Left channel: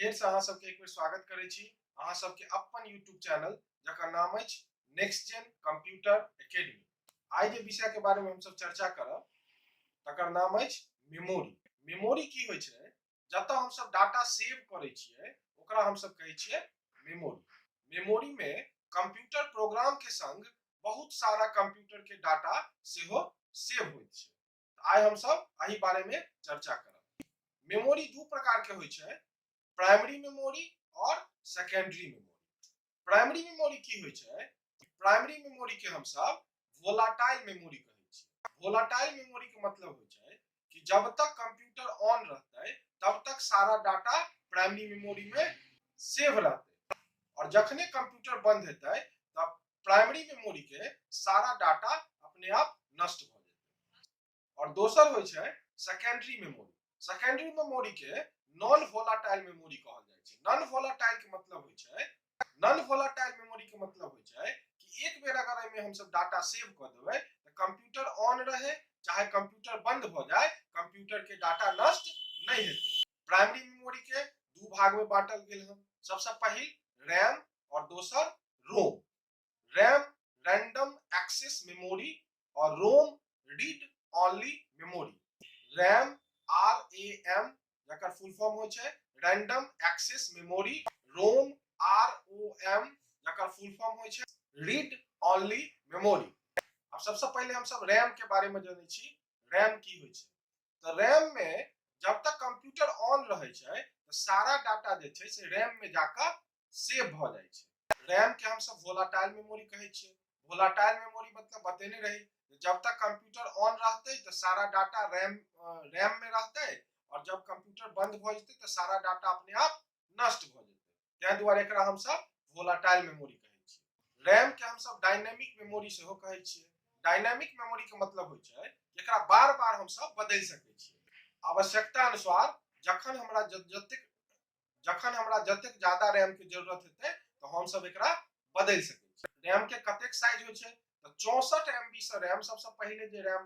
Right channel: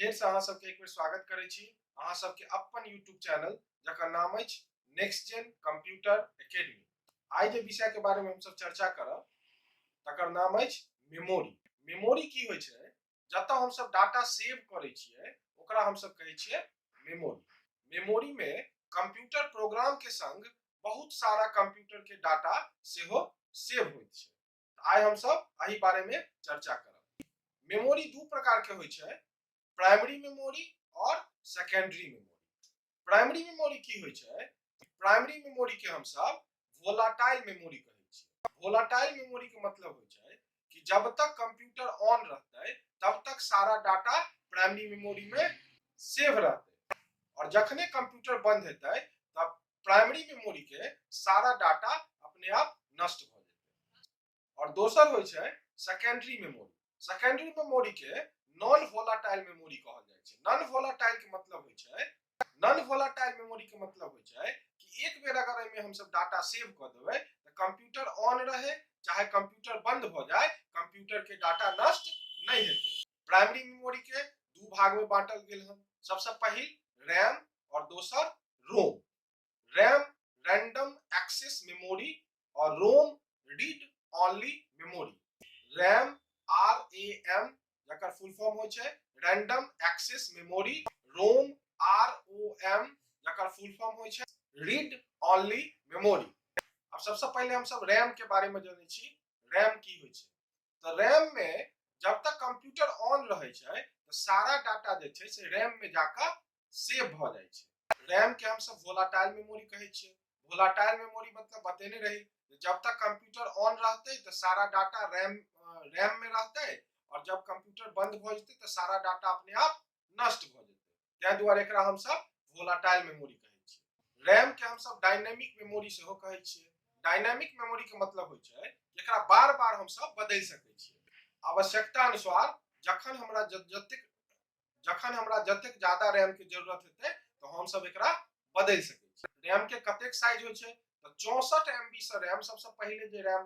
फेर से अहाँ सबके एक बेर स्वागत करै छी अहाँ सबके अपन यूट्यूब चैनल जकर नाम अछि नेक्स्ट जेन कंप्यूटर एकेडमी। आइ जे विषय के बारे में हम सब चर्चा करब तकर नाम अछि मेमोरी। मेमोरी की होय छै? जतऽ हम सब डाटा सेव करै छियै ओकरा हम सब कहै छियै मेमोरी। मेमोरी में कंप्यूटर प्रोग्राम के संग बहुत सारा कंप्यूटर के डाटा सेहो सेव होय छै। आइ हम सब एही बारे में चर्चा करब। मेमोरी दू प्रकार के होय छै, प्राइमरी मेमोरी और सेकेंडरी मेमोरी। प्राइमरी मेमोरी की होय छै? प्राइमरी मेमोरी के हम सब वोलाटाइल मेमोरी कहै छियै। वोलाटाइल मेमोरी के मतलब होय छै कि जब तक कंप्यूटर ऑन रहतै तब तक सारा डाटा प्राइमरी मेमोरी में सेव रहतै और जखने कंप्यूटर बंद हेतै तब प्राइमरी मेमोरी के सारा डाटा अपने आप नष्ट भ जेतै। और दोसर होय छै सेकेंडरी मेमोरी। सेकेंडरी मेमोरी के नॉन वोलाटाइल मेमोरी कहल जाय छै। नॉन वोलाटाइल के मतलब होय छै, नॉन वोलाटाइल मेमोरी के मतलब होय छै कि एक बेर अगर एमे हम सब डाटा सेव क देबै त कंप्यूटर ऑन रहे चाहे कंप्यूटर बंद भ जाए, कंप्यूटर के डाटा नष्ट नहीं हेतै। प्राइमरी मेमोरी के दू भाग में बांटल गेल है। सबसे पहिल रैम और दोसर ROM. RAM random access memory और ROM read only memory. RAM RAM जकर फुल फॉर्म होय छै random access memory, ROM ROM जकर फुल फॉर्म होय छै रीड ओनली मेमोरी। अब सबसे पहले हम सब रैम के बारे में जानै छी। रैम की होय छै? तो रैम में जब तक कंप्यूटर ऑन रहे छै तो सारा डाटा जे छै से रैम में जाकर सेव भ जाय छै। रैम के हम सब वोलाटाइल मेमोरी कहै छियै। वोलाटाइल मेमोरी मतलब बतेने रही जब तक कंप्यूटर ऑन रहतै तो सारा डाटा रैम में रहतै और जब कंप्यूटर बंद भ जेतै तो सारा डाटा अपने आप नष्ट भ जेतै। तै दुआरे एकरा हम सब वोलाटाइल मेमोरी कहै छियै। रैम के हम सब डायनामिक मेमोरी सेहो कहै छियै। डायनामिक मेमोरी के मतलब होय छै एकरा बार-बार हम सब बदल सकै छियै। आवश्यकता अनुसार जखन हमरा जतेक ज्यादा रैम के जरूरत हेतै तो हम सब एकरा बदल सकै छियै। रैम के कतेक साइज होय छै? तो 64 MB से रैम सबसे पहिले जे रैम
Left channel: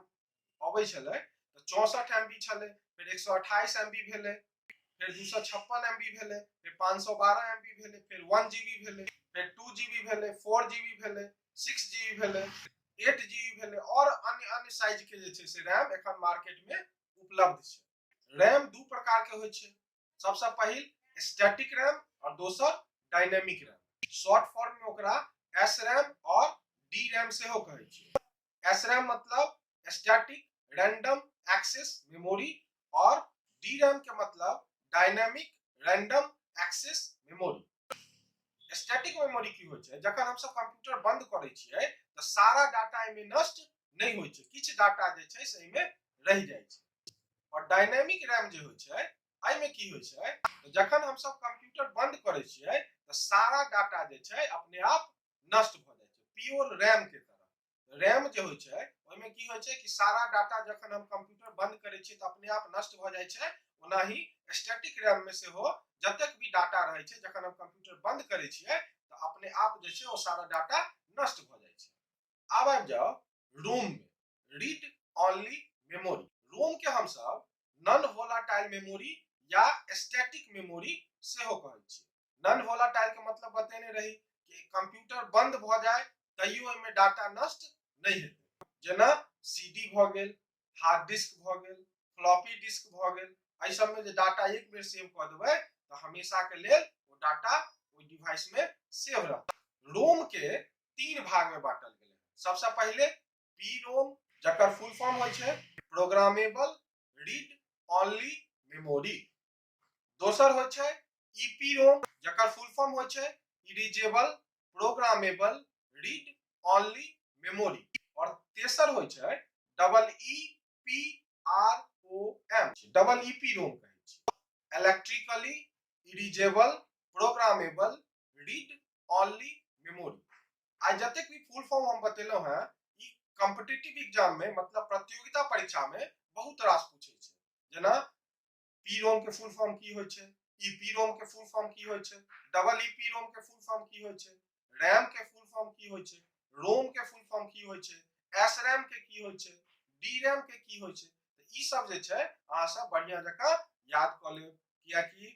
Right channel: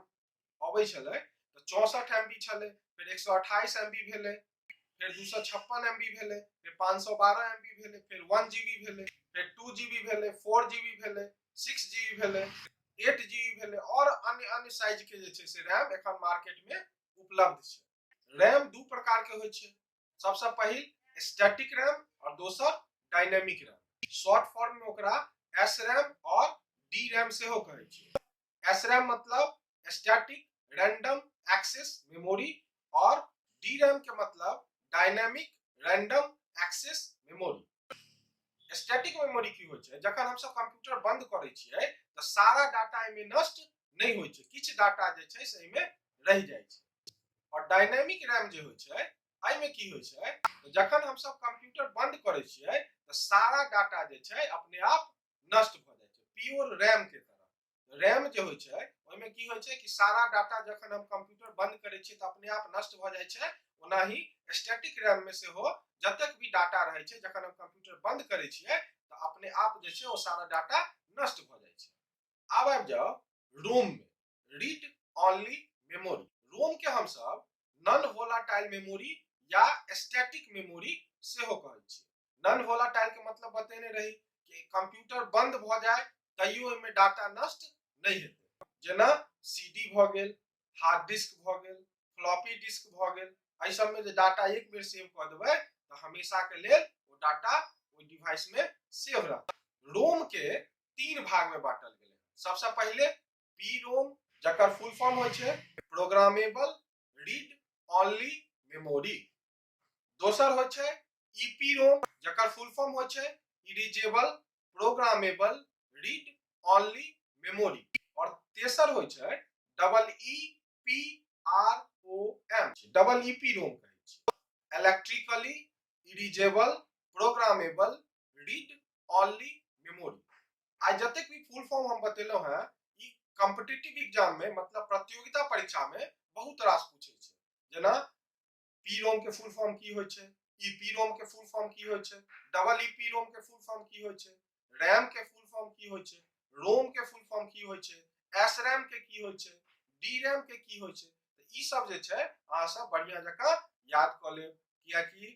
अबै छलै तो 64 MB छलै, फिर 128 MB भेलै, फिर 256 MB भेलै, फिर 512 MB भेलै, फिर 1 GB भेलै, फिर 2 GB भेलै, 4 GB भेलै, 6 GB भेलै, 8 GB भेलै और अन्य साइज के जे छै से रैम एखन मार्केट में उपलब्ध छै। रैम दू प्रकार के होय छै। सबसे पहिल स्टैटिक रैम और दोसर डायनामिक रैम। शॉर्ट फॉर्म में ओकरा SRAM और DRAM सेहो कहै छै। SRAM मतलब स्टैटिक रैंडम एक्सेस मेमोरी और DRAM के मतलब dynamic random access memory. Static memory की होय छै? जखन हम सब कंप्यूटर बंद करै छियै तो सारा डाटा एमे नष्ट नहीं होय छै, किछ डाटा जे छै से एमे रह जाय छै। और डायनामिक रैम जे होय छै अइ में की होय छै? तो जखन हम सब कंप्यूटर बंद करै छियै तो सारा डाटा जे छै अपने आप नष्ट भ जाय छै, प्योर रैम के तरह। रैम जे होय छै ओय में की होय छै कि सारा डाटा जखन हम कंप्यूटर बंद करै छियै तो अपने आप नष्ट भ जाय छै। ओनाही स्टैटिक रैम में सेहो जतेक भी डाटा रहै छै जखन हम कंप्यूटर बंद करै छियै तो अपने आप जे छै ओ सारा डाटा नष्ट भ जाय छै। आब आबि जाओ रोम में, रीड ओनली मेमोरी। रोम के हम सब नॉन वोलाटाइल मेमोरी या स्टैटिक मेमोरी सेहो कहै छियै। नॉन वोलाटाइल के मतलब बतेने रही कि कंप्यूटर बंद भ जाए तैयो एमे डाटा नष्ट नहीं हेतै। जेना CD भ गेल, हार्ड डिस्क भ गेल, फ्लॉपी डिस्क भ गेल, एहि सब में जे डाटा एक बेर सेव क देबै तो हमेशा के लेल वो डाटा ओइ डिवाइस में सेव रहतै। रोम के तीन भाग में बांटल गेलै। सबसे पहिले PROM जकर फुल फॉर्म होय छै प्रोग्रामेबल रीड ओनली मेमोरी। दोसर होय छै EPROM जकर फुल फॉर्म होय छै erasable programmable read only memory. और तेसर होय छै EEPROM, डबल EPROM कहै छै, electrically erasable programmable read only memory. आई जतेक भी फुल फॉर्म हम बतेलो हैं ई कॉम्पिटिटिव एग्जाम में मतलब प्रतियोगिता परीक्षा में बहुत रास पूछे छै। जेना PROM के फुल फॉर्म की होय छै, EPROM के फुल फॉर्म की होय छै, डबल EPROM के फुल फॉर्म की होय छै, रैम के फुल फॉर्म की होय छै, रोम के फुल फॉर्म की होय छै, SRAM के की होय छै, DRAM के की होय छै। ई सब जे छै अहाँ सब बढ़िया जकां याद क लेब, किया कि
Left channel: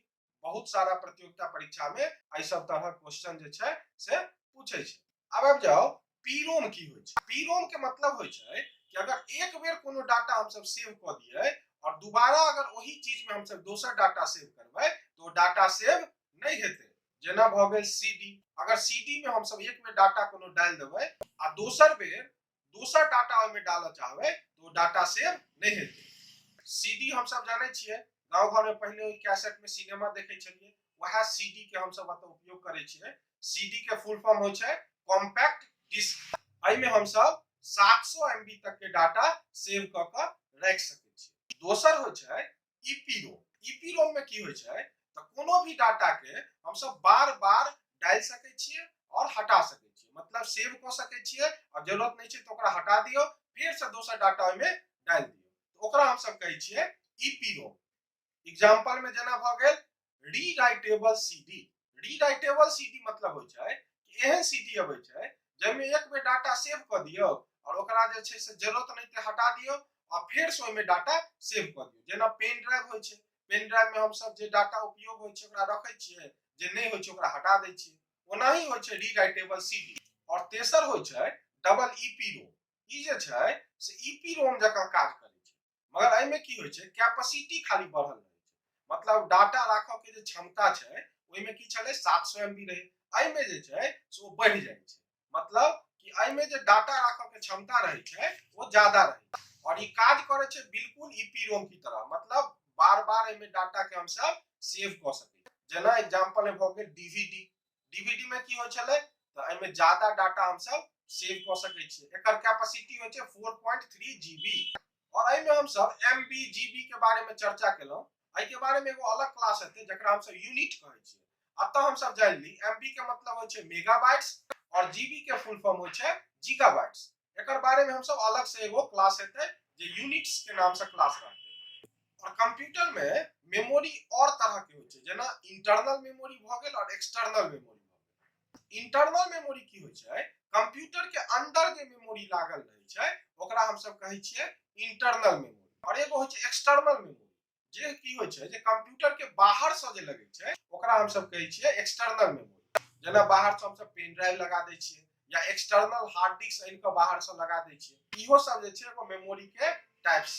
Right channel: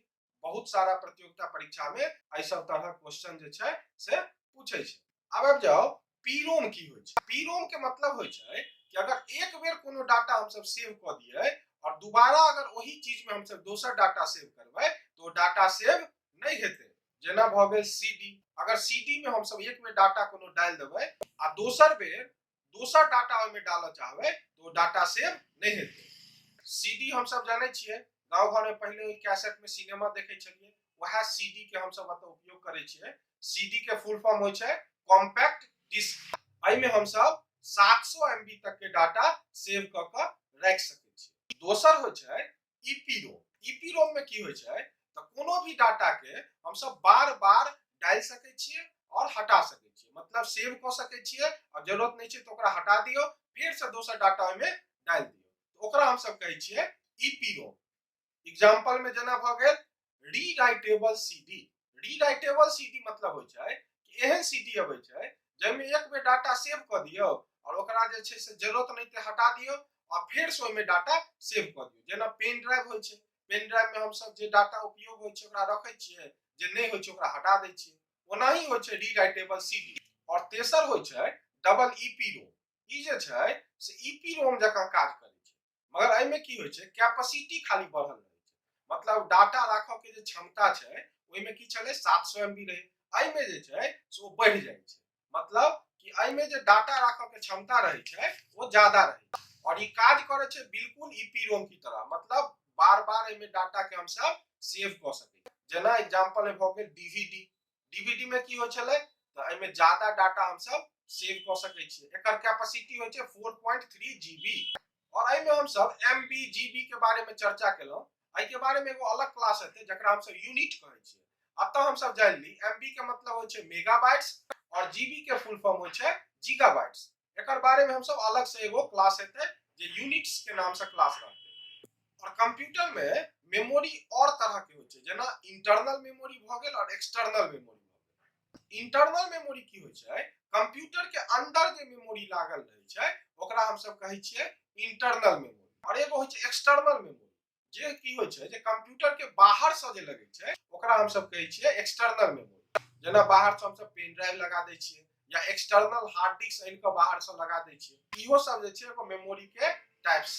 बहुत सारा प्रतियोगिता परीक्षा में एहि सब तरह क्वेश्चन जे छै से पूछे छै। आब जाओ पीरोम की होय छै। पीरोम के मतलब होय छै कि अगर एक बेर कोनो डाटा हम सब सेव क दिए और दोबारा अगर वही चीज में हम सब दोसर डाटा सेव करबै तो डाटा सेव नहीं हेतै। जेना भ गेल सीडी, अगर सीडी में हम सब एक बेर डाटा कोनो डाल देबै आ दोसर बेर दोसर डाटा ओय में डालऽ चाहबै तो डाटा सेव नहीं हेतै। सीडी हम सब जानै छियै, गांव घर में पहले कैसेट में सिनेमा देखे छलिए, वह सीडी के हम सब उपयोग करे छियै। सीडी के फुल फॉर्म होय छै कॉम्पैक्ट डिस्क। एहि में हम सब 700 MB तक के डाटा सेव क के रख सकै छी। दोसर होय छै ईपीरोम। ईपीरोम में की होय छै त कोनो भी डाटा के हम सब बार-बार डाल सकै छियै और हटा सकै छियै। मतलब सेव क सकै छियै और जरूरत नहीं छै तो ओकरा हटा दियो, फिर से दोसर डाटा ओय में डाल दियो। ओकरा हम सब कहै छियै ईपीरोम। एग्जांपल में जना भ गेल रीराइटेबल सीडी। रीराइटेबल सीडी मतलब होय छै कि एहन सीडी अबै छै जै में एक बेर डाटा सेव क दियौ और ओकरा जे छै से जरूरत नहीं ते हटा दियौ और फिर से ओय में डाटा सेव क दियौ। जेना पेन ड्राइव होय छै, पेन ड्राइव में हम सब जे डाटा उपयोग होय छै ओकरा रखै छियै, जे नहीं होय छै ओकरा हटा दै छियै। ओनाही होय छै रीराइटेबल सीडी। और तेसर होय छै डबल ईपीरोम। ई जे छै से ईपीरोम जकां काज करै छै, मगर एहि में की होय छै कैपेसिटी खाली बढ़ल रहै छै। मतलब डाटा राखऽ के जे क्षमता छै ओय में की छलै 700 MB रहे, एहि में जे छै से ओ बढ़ि जाय छै। मतलब कि एहि में जे डाटा राखऽ के क्षमता रहे छै वो ज्यादा रहे छै और ई काज करे छै बिल्कुल ईपीरोम की तरह। मतलब बार-बार एहि में डाटा के हम सब सेव क सकै। जेना एग्जांपल में भ गेल डीवीडी। डीवीडी में की होय छलै त एहि में ज्यादा डाटा हम सब सेव क सकै छियै। एकर कैपेसिटी होय छै 4.3 GB और एहि में हम सब एमबी जीबी के बारे में चर्चा केलौ। एहि के बारे में एगो अलग क्लास हेतै जकरा हम सब यूनिट कहै छियै। अतः हम सब जान ली एमबी के मतलब होय छै मेगाबाइट्स और जीबी के फुल फॉर्म होय छै गीगाबाइट्स। एकर बारे में हम सब अलग से एगो क्लास हेतै जे यूनिट्स के नाम से क्लास रहतै। और कंप्यूटर में मेमोरी और तरह के होय छै, जेना इंटरनल मेमोरी भ गेल और एक्सटर्नल मेमोरी भ गेल। इंटरनल मेमोरी की होय छै कंप्यूटर के अंदर जे मेमोरी लागल रहै छै ओकरा हम सब कहै छियै इंटरनल मेमोरी। और एगो होय छै एक्सटर्नल मेमोरी, जे की होय छै जे कंप्यूटर के बाहर से जे लगै छै ओकरा हम सब कहै छियै एक्सटर्नल मेमोरी। जेना बाहर से हम सब पेन ड्राइव लगा दै छियै या एक्सटर्नल हार्ड डिस्क आनि के बाहर से लगा दै छियै। इहो सब जे छै एगो मेमोरी के टाइप्स।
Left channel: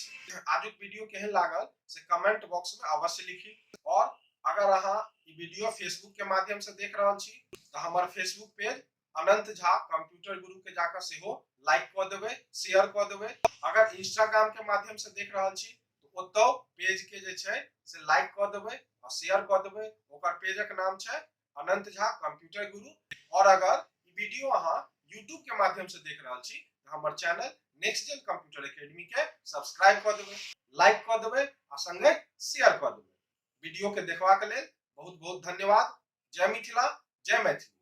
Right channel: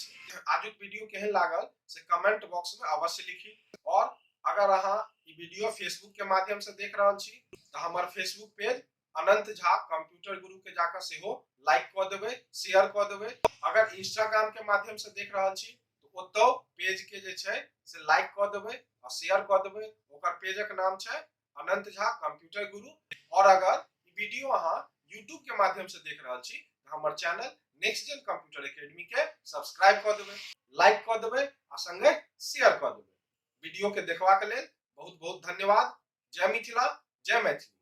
आजुक वीडियो केहन लागल से कमेंट बॉक्स में अवश्य लिखी। और अगर अहाँ ई वीडियो फेसबुक के माध्यम से देख रहल छी त हमर फेसबुक पेज अनंत झा कंप्यूटर गुरु के जाकर सेहो लाइक क देबै, शेयर क देबै। अगर इंस्टाग्राम के माध्यम से देख रहल छी तो ओतौ पेज के जे छै से लाइक क देबै और शेयर क देबै। ओकर पेजक नाम छै अनंत झा कंप्यूटर गुरु। और अगर ई वीडियो अहाँ यूट्यूब के माध्यम से देख रहल छी त हमर channel next gen computer academy के सब्सक्राइब क देबै, लाइक क देबै आ संगे शेयर क देबै। वीडियो के देखबाक लेल बहुत बहुत धन्यवाद। जय मिथिला, जय मैथिली।